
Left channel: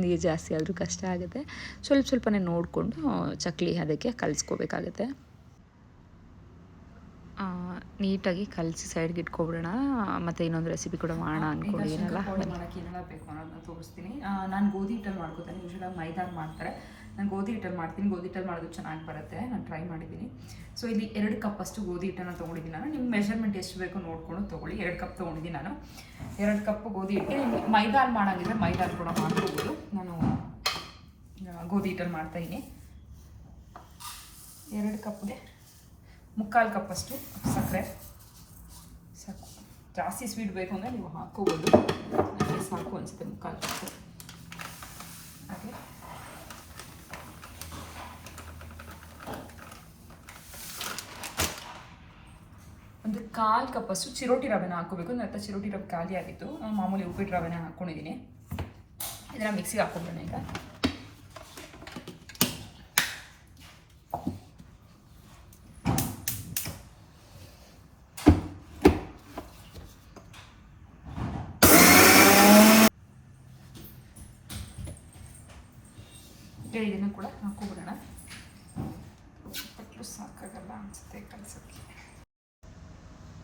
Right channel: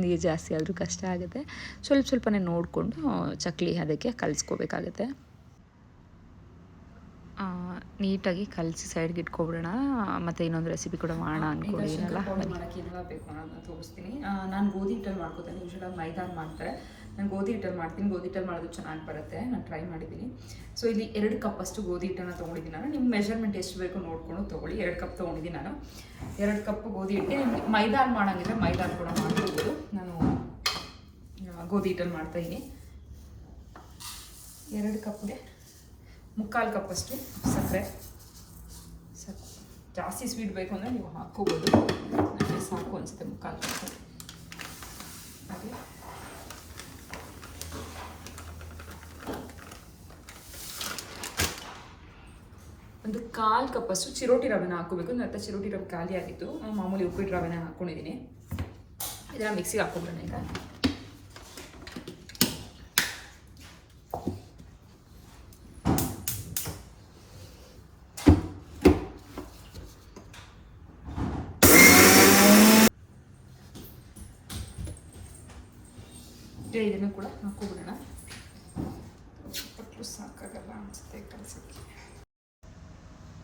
ನೀರು ಜಾಸ್ತಿ ಆದರೂ ಕಷ್ಟ ಆಗುತ್ತೆ. ಸ್ವಲ್ಪ ಸ್ವಲ್ಪನೇ ನೋಡಿಕೊಂಡು, ಚಕ್ಲಿ ಅದಕ್ಕೆ ಕಲಿಸ್ಕೋಬೇಕಾಗತ್ತೆ. ನೀಟಾಗಿ ಕಲಸಿ ಸೈಡ್ಗೆ ಇಟ್ಕೊಬಿಡೋಣ. ಮತ್ತು ಇನ್ನೊಂದು ರೆಸಿಪಿ ಕೂಡ ಮಾಡೋಣ ಅಂದ್ಕೊಂಡಿದ್ದೀನಲ್ಲ ಮಾಡೋಕ್ಕೆ ಇದೆಲ್ಲ ಬೇಕು ಅನ್ನೋದನ್ನ ತೋರಿಸ್ತೀನಿ. ನಾನು ಗೋಧಿ ಹಿಟ್ಟಲ್ಲಿ ಮಾಡ್ಕೋತೇನೆ. ಯೂಶ್ವಲಾಗಿ ಮೈದಾನ ಮಾಡ್ತಾರೆ. ನಾನು ಗೋಧಿ ಹಿಟ್ಟಲ್ಲಿ ಮಾಡ್ತೀನಿ. ಗೋಧಿ ಹಿಟ್ಟಲ್ಲಿ ಮಾಡೋದು ಚೆನ್ನಾಗಿ ಬರುತ್ತೆ. ನಾನು ಟ್ರೈ ಮಾಡಿದ್ದೀನಿ. ಸೊ ಇಲ್ಲಿ ಎರಡು ಕಪ್ ಅಷ್ಟು ಗೋಧಿ ಹಿಟ್ಟನ್ನು ತೊಗೊಂಡಿದ್ದೀನಿ ನಾನು. ನಿಮ್ಮ ಮೆಷರ್ಮೆಂಟ್ ಎಷ್ಟು ಬೇಕು ನೋಡ್ಕೊಂಡು ತೊಗೊಳ್ಳಿ. ಎರಡು ಕಪ್ ತೊಗೊಂಡಿದ್ದೀನಿ ನಾನು. ಎರಡು ಕಪ್ ಗೋಧಿ ಹಿಟ್ಟಿಗೆ. ಮೈದಾನ ಮೈದಾಲ್ ಮೈದಾನ ಮೈದಾಲ್ ಕೂಡ ಮಾಡ್ಕೋಬೋದು. ನಾನು ಗೋಧಿ ಹಿಟ್ಟಲ್ಲಿ ಮಾಡ್ತಾಯಿದ್ದೀನಿ ಎರಡು ಕಪ್ಗೆ ಮುಕ್ಕಾಲು ಕಪ್ಪಷ್ಟು ಸಕ್ಕರೆ. ಸಾಕು. ಜಾಸ್ತಿ ಸ್ವೀಟ್ ಬೇಕು ಅಂದರೆ ನೀವು ಹಾಕ್ಕೋಬೋದು. ನನಗೆ ಸಾಕು ಅನಿಸುತ್ತೆ ಮುಕ್ಕಾಲು ಕಪ್ಪು ಹಾಗೆ. ಒಂದು ಕಾಲು ಕಪ್ಪಷ್ಟು ಚಿರೋಟಿ ರವೆನ ಹಾಕೋಬೇಕು ನನ್ನ ಹತ್ರ ಚಿರೋಟಿ ರವೆ ಖಾಲಿ ಆಗಿತ್ತು ನಾನು ಮಾಮೂಲಿ ಉಪ್ಪಿಟ್ಟು ರವೆನ ಹಾಕ್ಕೊಂಡಿದ್ದೀನಿ ಇದನ್ನು ಮಿಕ್ಸಿಗೆ ಹಾಕ್ಕೊಬಿಡೋಣ ಈಗ ಈಗ ಇದನ್ನು ಕೂಡ ಹಾಕೋಬಿಡೋಣ ಪಟ್ಟು ಸಾಕಾಗಲ್ಲ ಅನಿಸುತ್ತೆ ಕಲಸಕ್ಕೆ.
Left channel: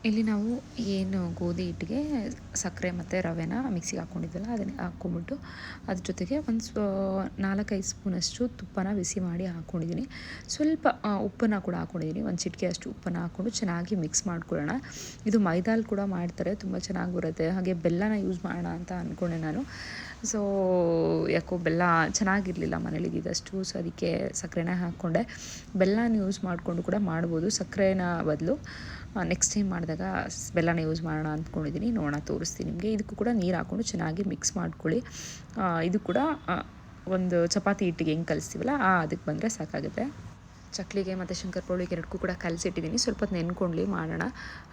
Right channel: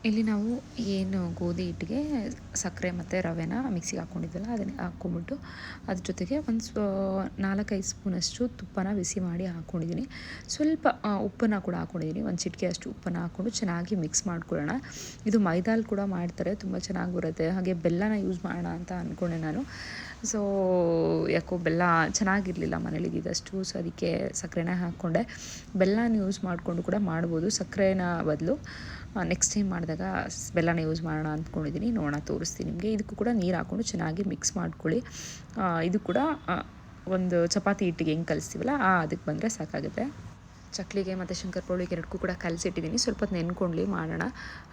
ಇಲ್ಲಿ ನಾವು ಏನು ಗೋಧಿ ಹಿಟ್ಟಿಗೆ ಸಕ್ಕರೆ ಮತ್ತು ರವೆನ ಮಿಕ್ಸಿಗೆ ಹಾಕ್ಕೊಂಡಿದ್ವಲ್ಲ ಅದನ್ನು ಹಾಕ್ಕೊಂಬಿಟ್ಟು ಅದ್ರ ಜೊತೆಗೆ ಒಂದು ಸ್ವ ನಾಲ್ಕೈದು ಸ್ಪೂನಷ್ಟು ತುಪ್ಪನ ಬಿಸಿ ಮಾಡಿ ಹಾಕ್ಕೊಂಡಿದ್ದೀನಿ. ಸ್ವಲ್ಪ ಉಪ್ಪನ್ನು ಕೂಡ ಹಾಕ್ಕೊಂಡಿದ್ದೀನಿ. ಒಂದು ಚಿಟಿಕೆ ಅಷ್ಟು ಉಪ್ಪನ್ನು ಹಾಕ್ಕೊಂಡು ಚೆನ್ನಾಗಿ ಮಿಕ್ಸ್ ಮಾಡ್ಕೊಳ್ಳೋಣ. ಇದು ಮೈದಾಲ್ ಕೂಡ ಮಾಡ್ತಾರೆ, ತುಂಬ ಚೆನ್ನಾಗಿ ಬರುತ್ತೆ. ಹಾಗೆ ಬೆಲ್ಲನ ಯೂಸ್ ಮಾಡೋಣ ಅಂತ ಅಂದ್ಕೊಂಡೆ ನಾನು. ಸೊ ಯಾಕೋ ಬೆಲ್ಲ ಚೆನ್ನಾಗಿರಲಿಲ್ಲ ಇದ್ದಿದ್ದಷ್ಟು ಸೊ ಅದಕ್ಕೆ ಸಕ್ಕರೆನ ಹಾಕ್ಕೊಂಡೆ. ಬೆಲ್ಲನ ಯೂಸ್ ಮಾಡಿಕೊಂಡು ಕೂಡ ಮಾಡ್ಬೋದು. ಸಕ್ಕರೆನ ಬದಲು ನೆಕ್ಸ್ಟ್ ಟೈಮ್ ಮಾಡಿದಾಗ ಬೆಲ್ಲನ ಯೂಸ್ ಮಾಡೋಣ ಅಂದ್ಕೊಂಡಿದ್ದೀನಿ ನೋಡೋಣ, ತೋರಿಸ್ತೀನಿ ನಿಮಗೆ. ಇದಕ್ಕೂ ಕೂಡ ನೀರು ಹಾಕ್ಕೊಂಡು ಚೆನ್ನಾಗಿ ಮಿಕ್ಸ್ ಮಾಡ್ಕೊಳ್ಳಿ. ಇದು ಕೂಡ ಒಂದು ಚಪಾತಿ ಹಿಟ್ಟಿಗೆ ಹೆಂಗೆ ಕಲಿಸ್ತೀವಲ್ಲ ಅದಕ್ಕೆ ಬಂದರೆ ಸಾಕಾಗುತ್ತೆ. ಚಕ್ಲಿಗೆ ಮತ್ತು ಶಂಕರಪೋಳಿಗೆ ಎರಡಕ್ಕೂ ಕೂಡ ಕಲಸಿಟ್ಟಿದ್ದೀನಿ. ಸ್ವಲ್ಪ ಹೊತ್ತು ಮಾಡೋಣ.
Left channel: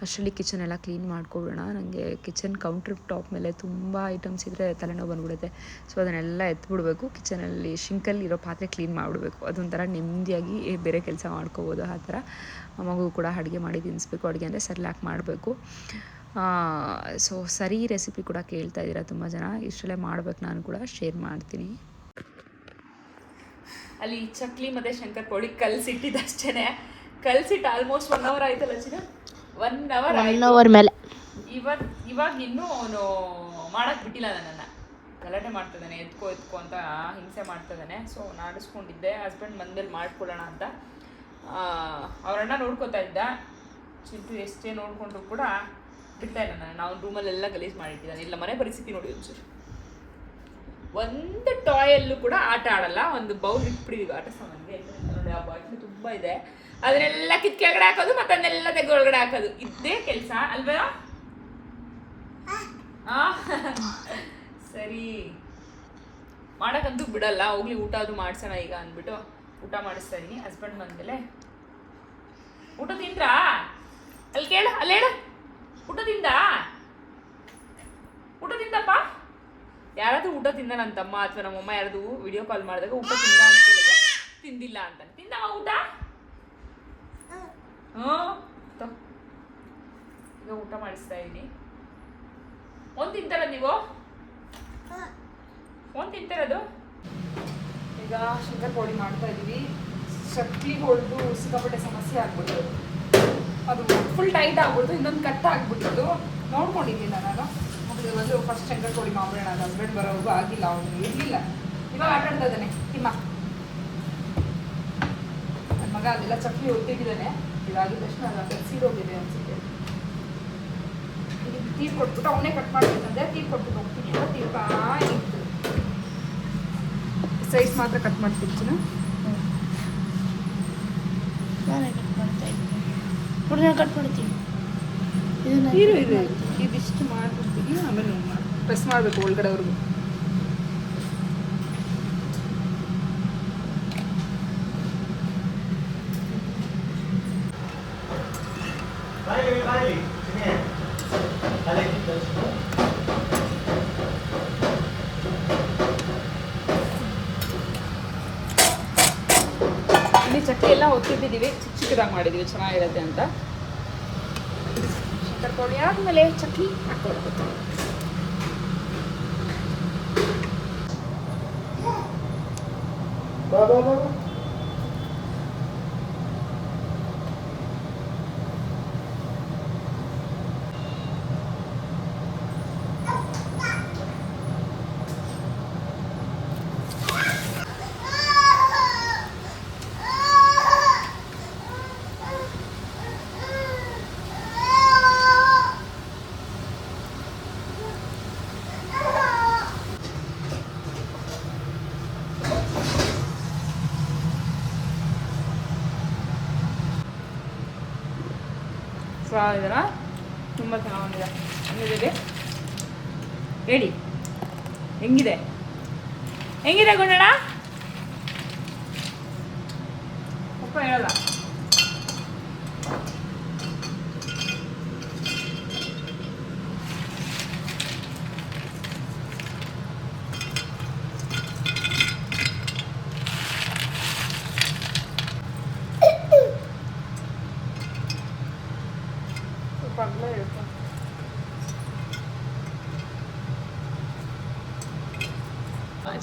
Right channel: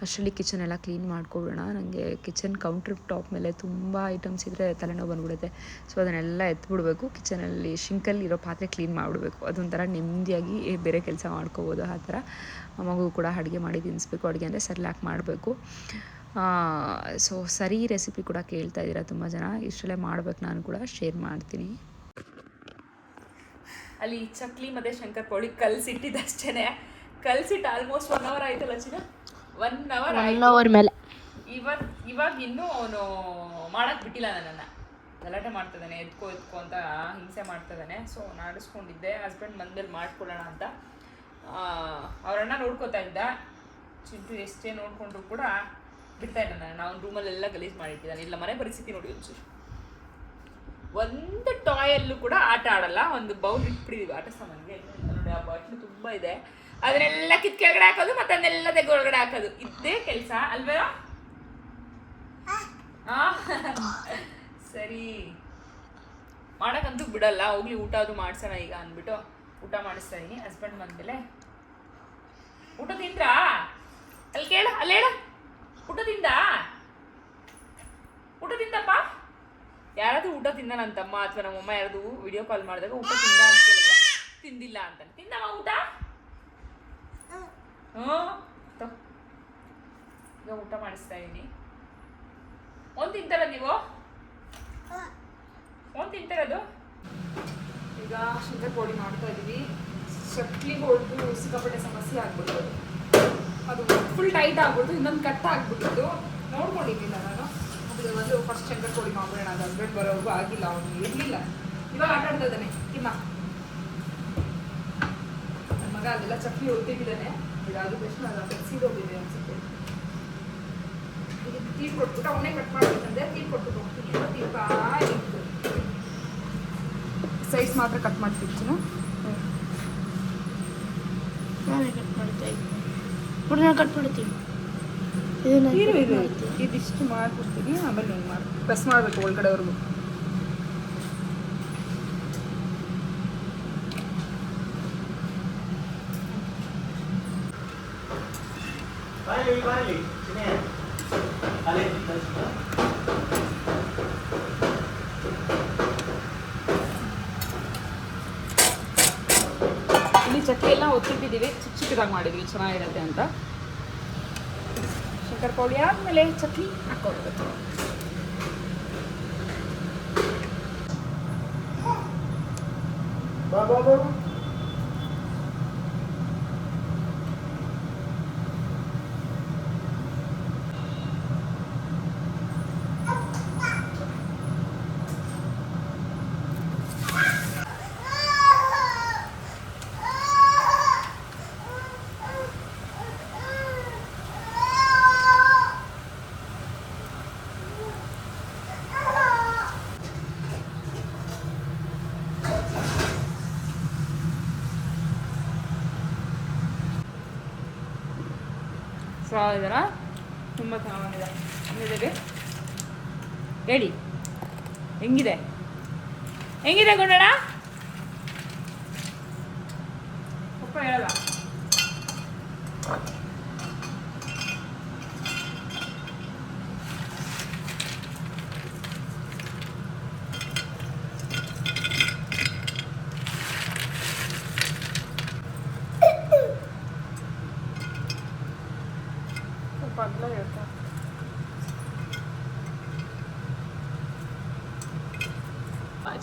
ಅಷ್ಟರಲ್ಲಿ ಕಿಚನ್ ಎಲ್ಲ ಕ್ಲೀನ್ ಮಾಡ್ಕೊಬಿಡೋಣ ನನಗೆ ಕಿಚನ್ ಕೌಂಟ್ರ್ ಟಾಪ್ ಮೇಲೆ ತುಂಬ ಐಟಮ್ಸ್ ಇದ್ದರೆ ತಲೆನೋವು ಬಂದ್ಬಿಡುತ್ತೆ. ಸೊ ಅದನ್ನೆಲ್ಲ ಎತ್ಬಿಡ್ಬೇಕು. ಕಿಚನಲ್ಲಿ ಶಿಂಕಲ್ಲಿ ಇರೋ ಪಾತ್ರೆ ಕ್ಲೀನ್ ಮಾಡಿಬಿಡ್ಬೇಕು. ಅದೊಂಥರ ನೆಮ್ಮದಿಯಾಗಿ ಬೇರೆ ಕೆಲಸ ಮಾಡ್ಕೋಬೋದು ಆ ಥರ. ಮಗು ಕೂಡ ಅಡುಗೆ ಮಾಡಿ ತಿನ್ನಿಸ್ಬೇಕು. ಅಡುಗೆ ಅಂದರೆ ಸರ್ಲಾಕ್ ಮಾಡಬೇಕು. ಸೊ ಸರಿ ರೆಸಿಪಿ ಕೂಡ ಕೇಳ್ತಾ ಇದ್ದೀರಾ ತುಂಬ ಜನ. ಇಷ್ಟರಲ್ಲೇ ಮಾಡ್ಬೇಕು ನಾನು ಕೂಡ. ಶೇರ್ ಮಾಡ್ತೀನಿ. ಅಲ್ಲಿ ಚಕ್ಲಿ ಮತ್ತೆ ಶಂಕರ್ ಪೋಳಿಗ್ ಕಲ್ಸಿಟ್ಟಿದ್ದು ಅಷ್ಟೇನೆ ಕಲ್ಸಿಟ್ಟು ಆಲ್ಮೋಸ್ಟ್ ಒನ್ ಅವರ್ ಆಯ್ತಲ್ಲ ಚಿನ್ನ? ಒನ್ ಅವರ್ ಒನ್ ಅವರ್ ಮೇಲೆ. ಇವಾಗ ಇವಾಗ ಇನ್ನೂ ಅವನು ಮಾಡಕ್ ಬಿಟ್ಟಿಲ್ಲ ನನ್ನನ್ನು. ಗಲಾಟೆ ಮಾಡ್ತಿದ್ದಾನೆ ಎತ್ಕೋ ಎತ್ಕೋ ಅಂತ ಹಿಂಸೆ ಮಾಡ್ತಿದ್ದಾನೆ. ಸೊ ನಾಡಿಸ್ಕೊಂಡಿದ್ದೆ. ಹಸ್ಬೆಂಡ್ ಬಂದ್ಮೇಲೆ ಮಾಡ್ಕೊಳ್ಳೋಣ ಅಂತ. ಅವರಣ್ಣ ನೋಡ್ಕೋತಾ ಇದ್ದ. ಚಿಂಟು ಎಷ್ಟೇ ನೋಡ್ಕೊಂಡ್ರು ಕೂಡ ಬಿಡ್ತಾ ಇಲ್ಲ ನಾನು ರೂಮಲ್ಲೆಲ್ಲ ಗಲೀಜು ಮಾಡಿಟ್ಟಿದ್ದಾನೆ. ಇಲ್ಲ ಮನೆ ಪರಿಸ್ಥಿತಿ ನೋಡಿ ಒಂಚೂರು. ಒಂದು ಟಾಯಲ್ಲೂ ಕೂಡ ಆಟ ಆಡಲ್ಲ, ಒಂದು ಬೌಲ್ ಇಟ್ಬಿಟ್ಟಿದೀವಿ. ಆಟ ಸಾಮಾನಿಗೆ ನೋಡಿ, ಆ ಬಾಟ್ಲು ತುಂಬ ಇದೆ. ಅದನ್ನೆಲ್ಲ ಕಿತ್ ಕೆಳಗಡೆ ಹಾಕೋದು, ಮತ್ತೆ ಅದನ್ನೆಲ್ಲ ತೆಗೆ ಒಳಗಡೆ ಹಾಕೋದು. ಇದೇ ಕೆಲಸ, ಅಲ್ವೇ? ಸರಿ. ಮಾಡೋಕ್ಕಂತೂ ಬಿಡಲ್ಲ, ಹೋಗ್ಲಿ, ಊಟ ಆದ್ರೂ ಮಾಡ್ಸೋಣ ಈಗ ಅಂದ್ಬಿಟ್ಟು ಊಟ ಮಾಡಿಸ್ತಾ ಇದೀನಿ ಹಸ್ಬೆಂಡ್ ಬಂದ್ಮೇಲೆ. ಊಟ ತಿಂದ್ರಾ? ಅಲ್ಲಿ ಕೇಳ, ಅಲ್ಲಿ ಹೇಳ. ಊಟ ತಿಂದ? ಊಟ ತಿಂದಪ್ಪ? ಯಾರಾದ್ರೂ ಊಟ ತಿಂದ ನನ್ನ ತಮ್ಮ ಅಥವಾ ನಮ್ಮಮ್ಮ ಯಾರಾದ್ರು ವಿಡಿಯೋ ಕಾಲ್ ಮಾಡಿದಾಗ ಊಟ ತಿಂದ ಅಂತ ಕೇಳಿದ್ರೆ ತಿಂದಿಲ್ಲ ಅಂತ ತಿಂದವ ಊಟ. ಈಗ ಊಟ ಮಾಡಿಸ್ತಾ ಇದ್ದೀನಿ ಒಂದು ತಿಂತಾರ ನೀವು? ಒಂದು ತಿಂತಾರದು? ಈಗ ಶುಂಠ ಪೌಡಿ ಮಾಡ್ತಾ ಇದ್ದೀವಿ ಚಕ್ಲಿ ಹೊಡೆದು ಸಿಕ್ಕಾಪಟ್ಟೆ ಸಮಸ್ಯೆ ಆಗ್ಬಿಟ್ಟು ಅದು ಫುಲ್ ಟೈಟ್ ಆಗ್ಬಿಟ್ಟು ಇನ್ನೊಂದು ಕಟ್ ಆಗ್ಬಿಟ್ಟಿದ್ದು ನೋಡ್ಕೊಂಡಿದ್ದೀನಿ ನಾನು? ಒಂದು ಫಸ್ಟ್ ಶಂಕರ್ ಕೋಡಿ ಮಾಡೋಣ ಅದು ಹಸ್ಬೆಂಡ್ ಬರೋವರೆಗೂ ಆಗಿಲ್ಲ ಅವನು ಇರಲಿಲ್ಲ. ಇವಾಗ ಆಟ ಆಡ್ತಾ ಇದ್ದಾನೆ. ಹಿಮ್ಮ ನನ್ನ ಮಗ ಅದೆಲ್ಲ ಚಕ್ಲಿ ಹೊಟ್ಟಿದ್ದಾನೆ ಇದಾಗಿದ ತಕ್ಷಣ ಅದು ಸೀದೋಗಿದೆ ಅನ್ಸುತ್ತೆ. ಇದು ತೀರ್ ಕೊಟ್ಬಿಟ್ಟು ಅವನೇ ಕಟ್ ಮಾಡ್ಬೇಕಂದ್ರೆ ತೀರ್ ಕೊಟ್ಬಿಟ್ಟು ಹೋಗ್ತೀನಿ. ಅಂತ ಇತ್ತು ಸೈಜ್ ಮಾತ್ರ ಕಟ್ ಮಾಡ್ತಿರ್ತೀನಿ ನಾನೇ ಕಟ್ ಮಾಡ್ತಾ ಇದ್ದೀನಿ. ಕಟ್ ಮಾಡ್ತೀನಿ. ಇದು ಇರು ಇರು ಇದಿಷ್ಟು ಮಾಡ್ಬಿಡ್ತೀನಿ ಆಮೇಲೆ ಏನು ಮಾಡಿ ಪ್ರೆಸ್ ಮಾಡಬೇಕು ಒಳಗಡೆ ಅವ್ರಿಗೆ ಇಲ್ಲಿ ಚಕ್ಕೆ ಎಲ್ಲ ಒತ್ತಿಟ್ಟಿದ್ದೀವಿ. ಚಿಕ್ಕ ಚಿಕ್ಕದಾಗಿ ಮಾಡಿದೀವಿ ಚೆನ್ನಾಗಿರುತ್ತೆ ಅಂತ. ಆದಮೇಲೆ ಚಕ್ಲಿ ಹಾಕ್ಕೊಳ್ಬೇಕು? ಇದೆಲ್ಲ ತುಂಬ ಚೆನ್ನಾಗಿದೆ. ಹೆಂಗಿದೆ ಹೇಳಿ. ಹೆಂಗಿದೆ? ಹೆಂಗಿದೆ ಗುಂಡಣ್ಣ? ಪಪ್ಪ ಹೇಳಲ್ಲ. ಇರುತ್ತೆ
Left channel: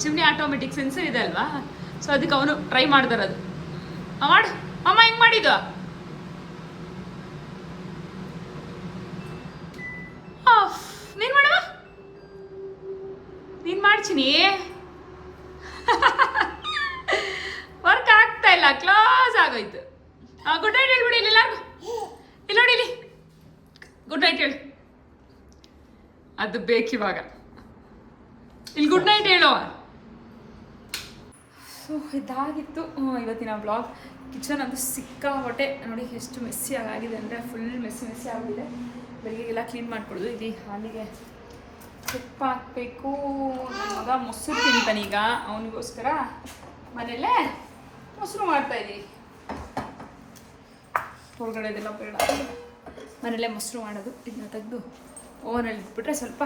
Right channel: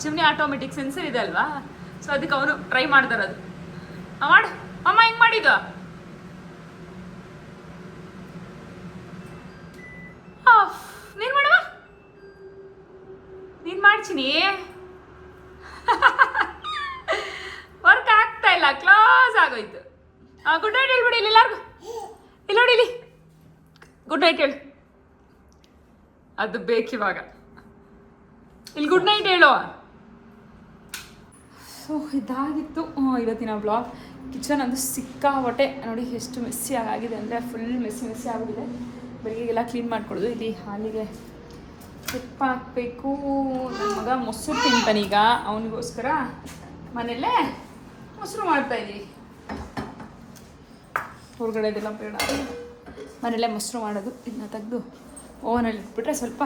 ಚಿಮ್ನಿ ಆಟೋಮೆಟಿಕ್ ಸೆನ್ಸರ್ ಇದೆ ಅಲ್ವಾ? ಸೊ ಅದಕ್ಕೆ ಅವನು ಟ್ರೈ ಮಾಡ್ತಾರದು ಮಾಡು. ಅಮ್ಮ ಹೆಂಗ್ ಮಾಡಿದ್ದು ನೀನು ಮಾಡವ ನೀನು ಮಾಡ್ತೀನಿ ವರ್ಕ್ ಆಗ್ತಾ ಇಲ್ಲ ಕ್ಲೋಸ್ ಆಗೋಯ್ತು ಗುಡ್ ನೈಟ್ ಹೇಳ್ಬಿಡಿ ಇಲ್ಲಿ ಎಲ್ಲರಿಗೂ ಇಲ್ಲಿ ನೋಡಿ ಇಲ್ಲಿ ಗುಡ್ ನೈಟ್ ಹೇಳು ಅದು ಬೇಕಿವಾಗ ಇಲ್ಲಿ ಗುಡ್ ನೈಟ್ ಹೇಳುವ? ಸೊ, ಇದಾಗಿತ್ತು ಇವತ್ತಿನ ಬ್ಲಾಗ್ ಕಿಚನ್ ಅಂತೂ ಸಿಕ್ಕಾಪಟ್ಟೆ ನೋಡಿ ಎಷ್ಟು ಮೆಸ್ಸಿ ಆಗಿದೆ ಅಂದರೆ ಫುಲ್ ಮೆಸ್ಸಿ ಮೆಸ್ಸಿ ಆಗಿದೆ ಬೆಳಿಗ್ಗೆಗೆಲ್ಲ ಕ್ಲೀನ್ ಮಾಡ್ಕೊಳ್ಳೋದು ಇಲ್ಲಿ ಹಾಲಿಗೆ ಸಿಪ್ಪ ಹಾಕಬೇಕು. ಮಗ ಮೊಸರು ತಿಂತಾನೀಗ ಅವನಿಗೋಸ್ಕರ ಮನೆಯಲ್ಲೇ ಮೊಸರು ಮಾಡ್ತಾಯಿದ್ದೀನಿ ಹೊರಗಡೆದೆಲ್ಲ ಬೇಡ. ಮನೆಯಲ್ಲೇ ಮೊಸರು ಮಾಡೋದು. ಇದನ್ನ ತೆಗೆದು ಓವನಲ್ಲಿ ಇಟ್ಬಿಟ್ರೆ ಸ್ವಲ್ಪ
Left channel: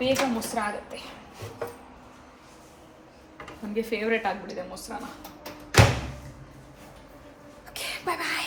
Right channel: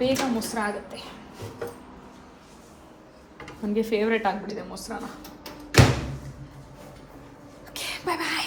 ಬೇಗ ಮೊಸರು ಆಗುತ್ತೆ. ನನಗೆ ಫೇವ್ರೇಟ್ ಆಗಿಬಿಟ್ಟಿದೆ ಮೊಸರನ್ನ. ಓಕೆ ಬಾಯ್ ಬಾಯ್